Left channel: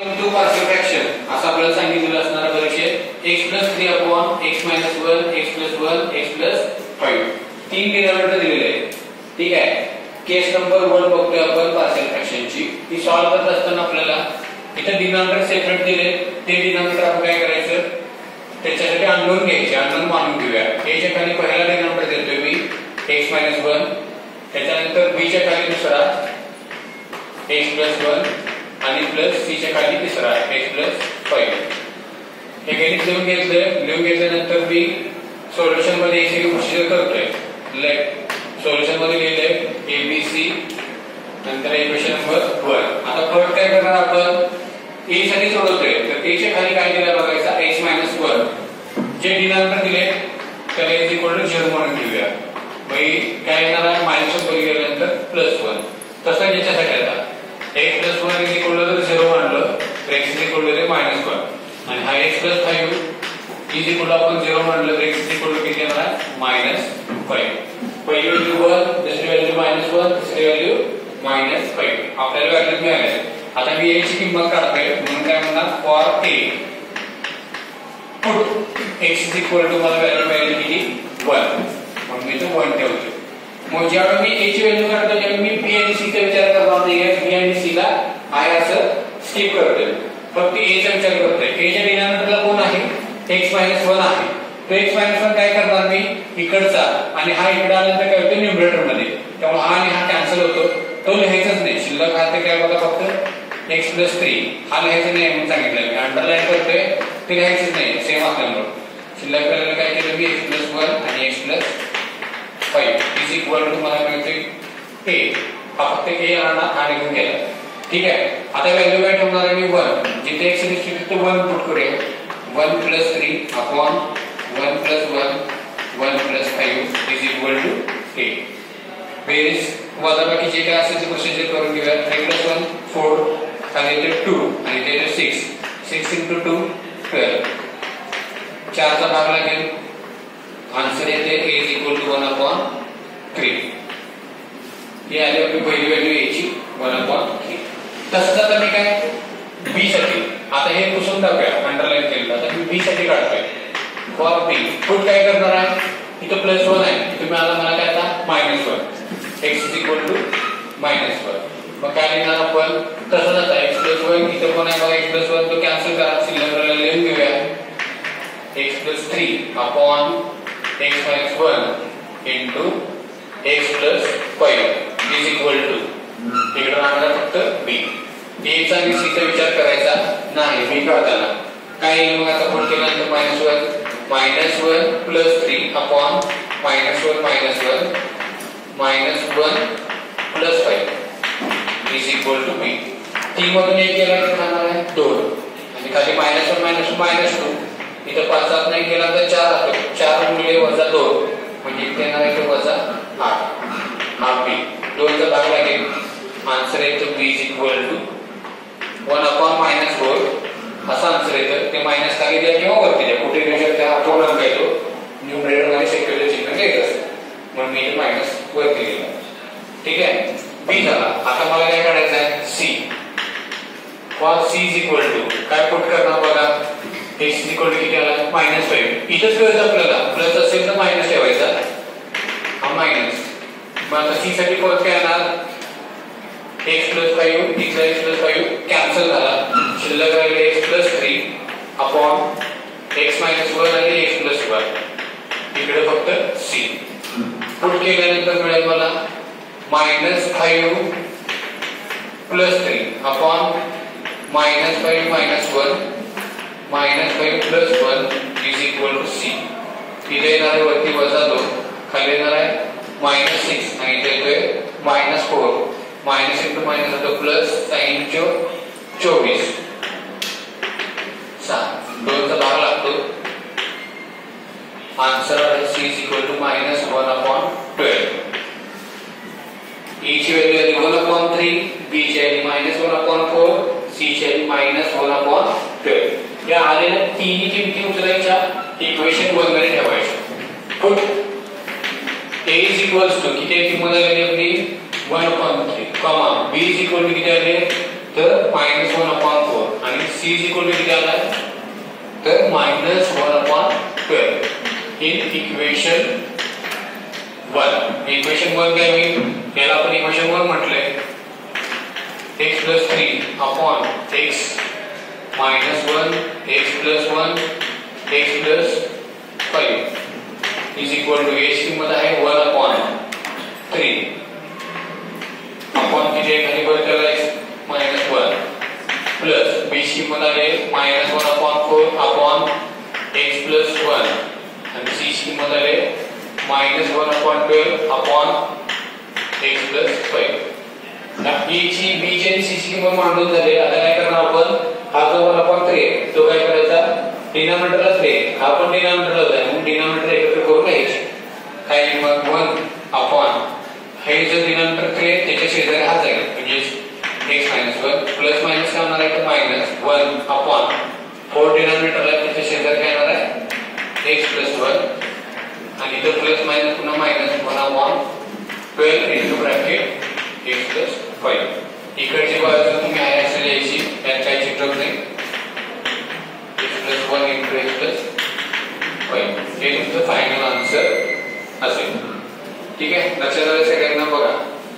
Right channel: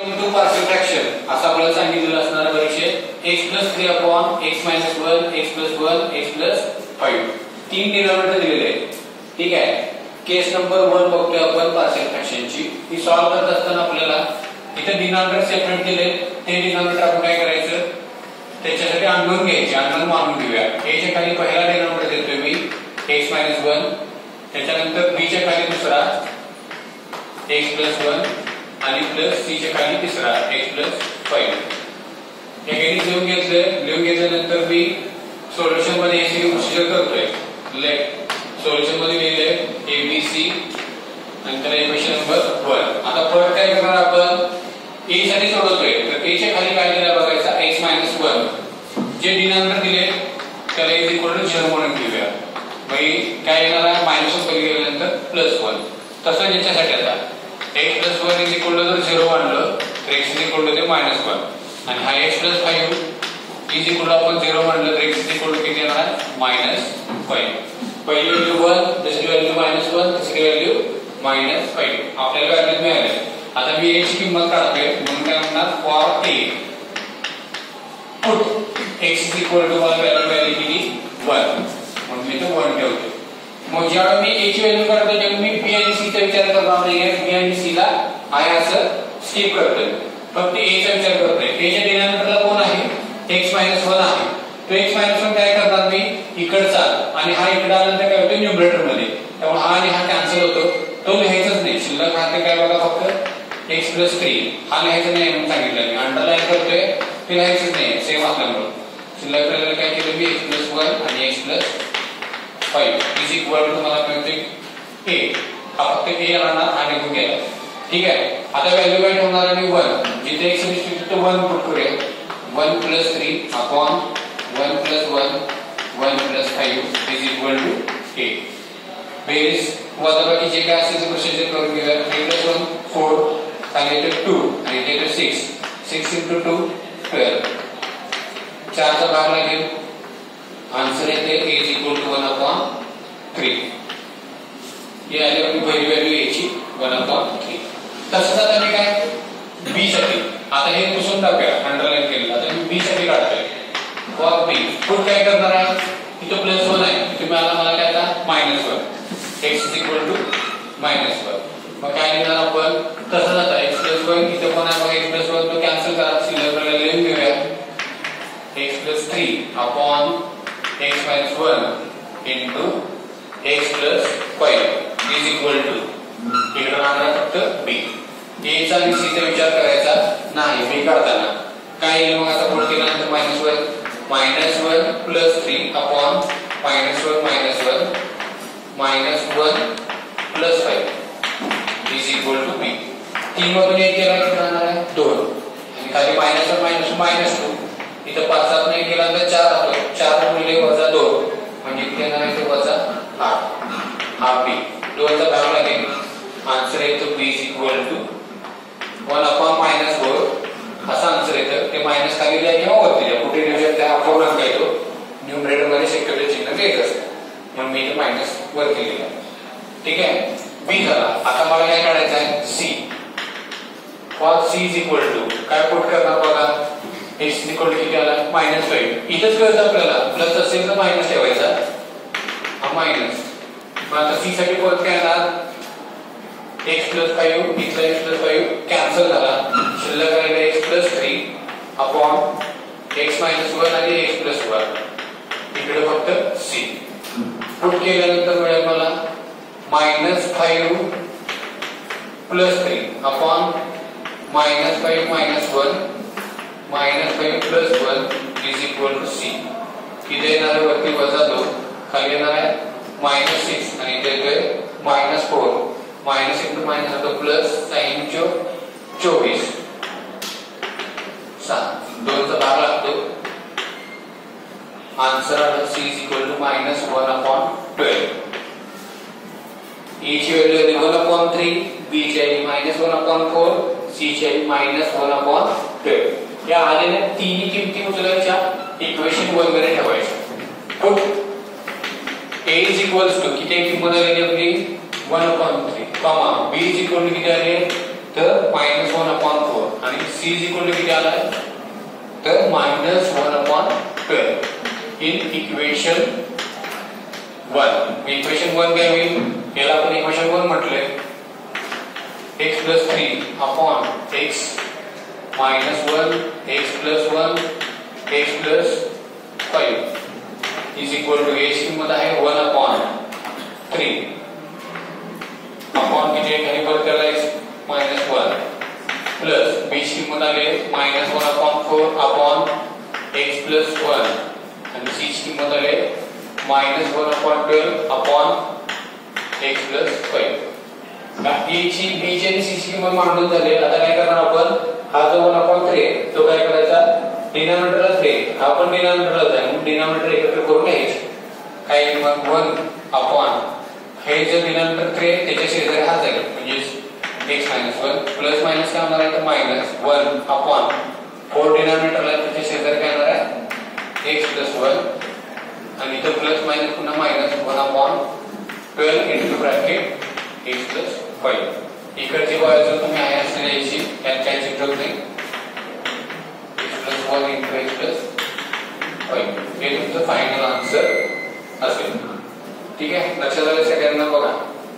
To partial fraction असं आपल्याला सांगितलेलं असणार परीक्षेत x + 3 upon x - 1 x + 1 x + 5 तीन डिनॉमिनेटर दिलेले आहेत. ठीक आहे. केस नंबर 1 बघतोय आपण पार्शियल फ्रॅक्शनची. ही सॉल्व्ह करत असताना आपल्याला इथे डिनॉमिनेटर सेपरेट दिले. ते डिनॉमिनेटर आपण काय करायचं त्याच्यासाठी अननोन घ्यायचे. अननोन मानून घेऊया. a च्या खाली पहिला डिनॉमिनेटर देतोय मी x - 1, त्याच्यानंतर b च्या खाली दुसरा x + 1 आणि प्लस c च्या खाली तिसरा x + 5. हे काही लिहून घेतल्यानंतर मी सोल्युशन मध्ये याची प्रोसिजर करतोय. सोल्युशन मध्ये लिहिले ABC नंतर इक्वेशन नंबर 1. आता फर्स्ट काय करणार आपण a साठी सोडवतोय तर a च्या खाली काय दिलं बघायचा x - 1 जे डिनॉमिनेटर दिले त्याला = 0 म्हणून घेऊया. मग काय येणार आहे -1 वर गेल्यानंतर +1. तसं याच्यासाठी आता x + 1 जर 0 मानलं तर x -1 आणि हा x + 5 आपण 0 मानलं तर x किती येणार आहे -5. पहिली व्हॅल्यू 1 दुसरी व्हॅल्यू -1 तिसरी व्हॅल्यू -5 आपल्याला व्हॅल्यू मिळाली. आता मी a ची किंमत काढतोय म्हणून काय म्हणणार फॉर a पुट x मला व्हॅल्यू मिळाली किती 1 म्हणून मी ते 1 ठेवतो. मग जेव्हा मी a ची व्हॅल्यू काढतो तेव्हा मी b आणि c चा विचार करणार नाहीये. b आणि c ला आहे असं स्किप करतोय. फक्त a चा विचार करतोय. a च्या डिनॉमिनेटरला कोण आहे x - 1 आहे. तो x - 1 काय करणार मी इकडचा आणि हा इकडे आल्यानंतर काय होतं न्यूमरेटर मध्ये. त्यामुळे हा आणि हा कॅन्सल होतो. तो लिहायचाच नाही. शिल्लक राहते काय बघा फक्त x + 3 हा लिहायचा नाही म्हणून सांगितलं मी. अंडरलाईन करतोय ते लिहायचंच नाही सेम असल्यामुळे. शिल्लक राहिलेलं काय केलं मी x + 1 आणि x + 5 मला मिळते a. हा फक्त a राहणार हा निघून गेला. ठीक आहे. आता व्हॅल्यू काय ठेवणार आहे मी 1. जिथे x दिसतो तिथे 1 पुट करूया. 1 + 3 अपॉन 1 + 1 1 + 5 a. बेरीज वजाबाकी जे काय असेल ते प्रोसिजर करून घेऊया. 3 + 1 4 खाली येते 2 आणि येते 6 6 × 2 12. 4 चा भाग लागेल. आन्सर येते a = 1/3. हे आली आपली पहिली व्हॅल्यू याची 1/3. तसंच आता मी काय b साठी आता हे पुसून टाकूया अंडरलाईन केलेलं. आता मी b साठी काढतोय फॉर b पुट काय करणार आहे इथं +1 आहे तुम्ही मला काय आता -1 x = -1. मग काय लिहिणार आपण तसंच आता x + 1 इथे कोण आहे x + 1 तो कॅन्सल करा. शिल्लक लिहून घेऊया x + 3 अपॉन x - 1 x + 5 इकडे राहणार फक्त b. a चा आणि c चा विचार करायचा नाही b काढताना. काय येईल मग आता पुढे केल्यानंतर -1 + 3 अपॉन -1 - 1 + 5 b. 3 मधून 1 गेला तर राहणार आहे 2 आणि खाली -1 - 2 इथं 5 7 नाही गेला तर 4 आहे. 4 गुणिले -2 म्हणजे इथे येणार आहे -8 हा b. 2 चा भाग लागेल. आन्सर येतो b = 1/-4 असा आन्सर येतं. ते मायनस खाली द्या किंवा वरती द्या कुठे देऊ शकता. अपूर्ण अंक येतो न्यूमरेटर मध्ये सेक्युलर चिन्ह द्यायचं असतं म्हणून मी मायनस वरती लिहिलं. ठीक आहे. b झाला. आता मला काय काढायचं आहे c. फॉर c = काय पुट करणार बघा x किती आला -5. इथंच कळतं आपल्याला प्लस असेल तर मायनस ठेवायचा हा मायनस. मग आता c साठी परत काय येणार x + 5 इथला x + 5 कॅन्सल झाला. शिल्लक राहिले x + 3 अपॉन x - 1 आणि x + 1 इकडे फक्त c. पुट केल्यानंतर मिळेल मला -5 + 3 अपॉन -5 - 1 -5 + 1 c. इथे येणार आहे वरती -2 खाली येणार आहे -6 आणि इथे येतोय -4 माइनस इंटू माइनस होतो प्लस साइन 24 2 चा भाग लागतो. आन्सर आहे c -1/12. e ची व्हॅल्यू आहे 1/3 b ची आहे -1/4 c ची आहे -1/12. या आलेल्या तिन्ही किमती उचलायच्या इक्वेशन 1 मध्ये ठेवायच्या. पुट a किती किंमत आलेली आपली 1/3 कॉमा b किती आले तर -1/4 आणि c इज इक्वल टू किती आला तर -1/12 इन इक्वेशन 1. इक्वेशन 1 काय होईल याला आपण इक्वेशन 1 म्हटलंय x + 3 upon x - 1 x + 1 x + 5 is equal to h किंमत आहे 1/3 अपॉन किती खाली वर त्याला -1 प्लस b ची किंमत आहे -1/4 अपॉन x + 1 आणि c ची किंमत आहे -1/12 अपॉन x + 5. a ची b ची आणि c ची किंमत मांडून झाली. आता काय करणार आपण हा जो 1/3 तो काय करायचा डिनॉमिनेटरला 3 हा पण डिनॉमिनेटरला जाईल म्हणून डिनॉमिनेटर एकत्र करून घ्यायचे काय किंमत 1 अपॉन हे जे डिनॉमिनेटर 3 त्याच्या शेजारी हा जाईल म्हणजे x - 1 प्लस मायनस काय होणार आहे तर -1 अपॉन 4 डिनॉमिनेटरला त्याच्या शेजारी काय होणार आहे x + 1 आणि इथं प्लस मायनस पुन्हा -1/12 इनटू ब्रॅकेट x + 5. इकडची बाजू तुम्ही आहे असे लिहायची यात काही चित्रच नाही x + 1 इनटू x + 5 हे तुमचं फायनल आन्सर असेल. ठीक आहे लक्षात आलं सगळ्यांना बघा.